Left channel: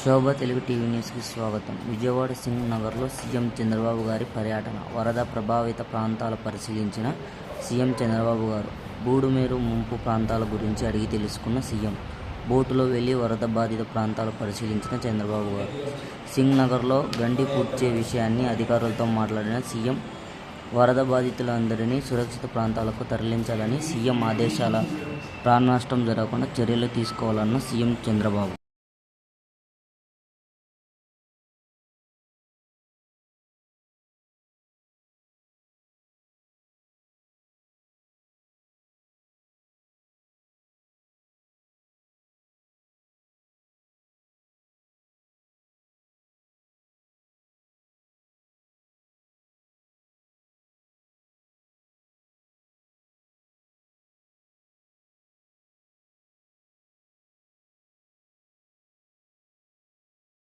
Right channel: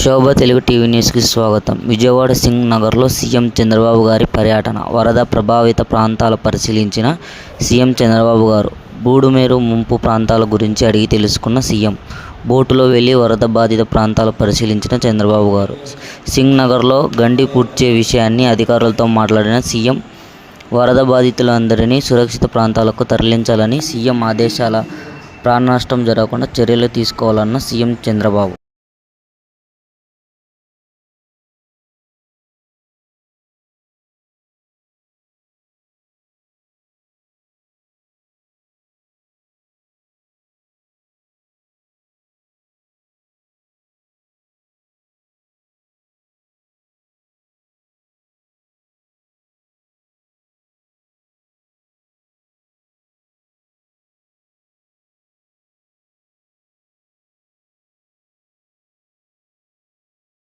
శోభ Telugu TV న్యూస్కి స్వాగతం. విజయవాడ సింగ్ నగర్లో సీఎం చంద్రబాబు గారి పర్యటన. వరద ప్రభావిత ప్రాంతాలు పరిశీలించిన సీఎం చంద్రబాబు గారు బూడుమేరు ముంపు ప్రాంతాల గురించి అడిగి తెలుసుకున్న సీఎం బోటులో వెళ్ళి వరద బాధిత ప్రాంతాలు పరిశీలించిన చంద్రబాబు గారు. సింగ్ నగర్లో గండి పూడ్చే విషయాన్ని అధికారులతో మాట్లాడిన సీఎం వరద బాధితులందరినీ సురక్షిత ప్రాంతాలకు తరలించాలని సీఎం ఆదేశాల ప్రాణ నష్టం జరగకుండా చర్యలు తీసుకోవాలన్న సీఎం చంద్రబాబు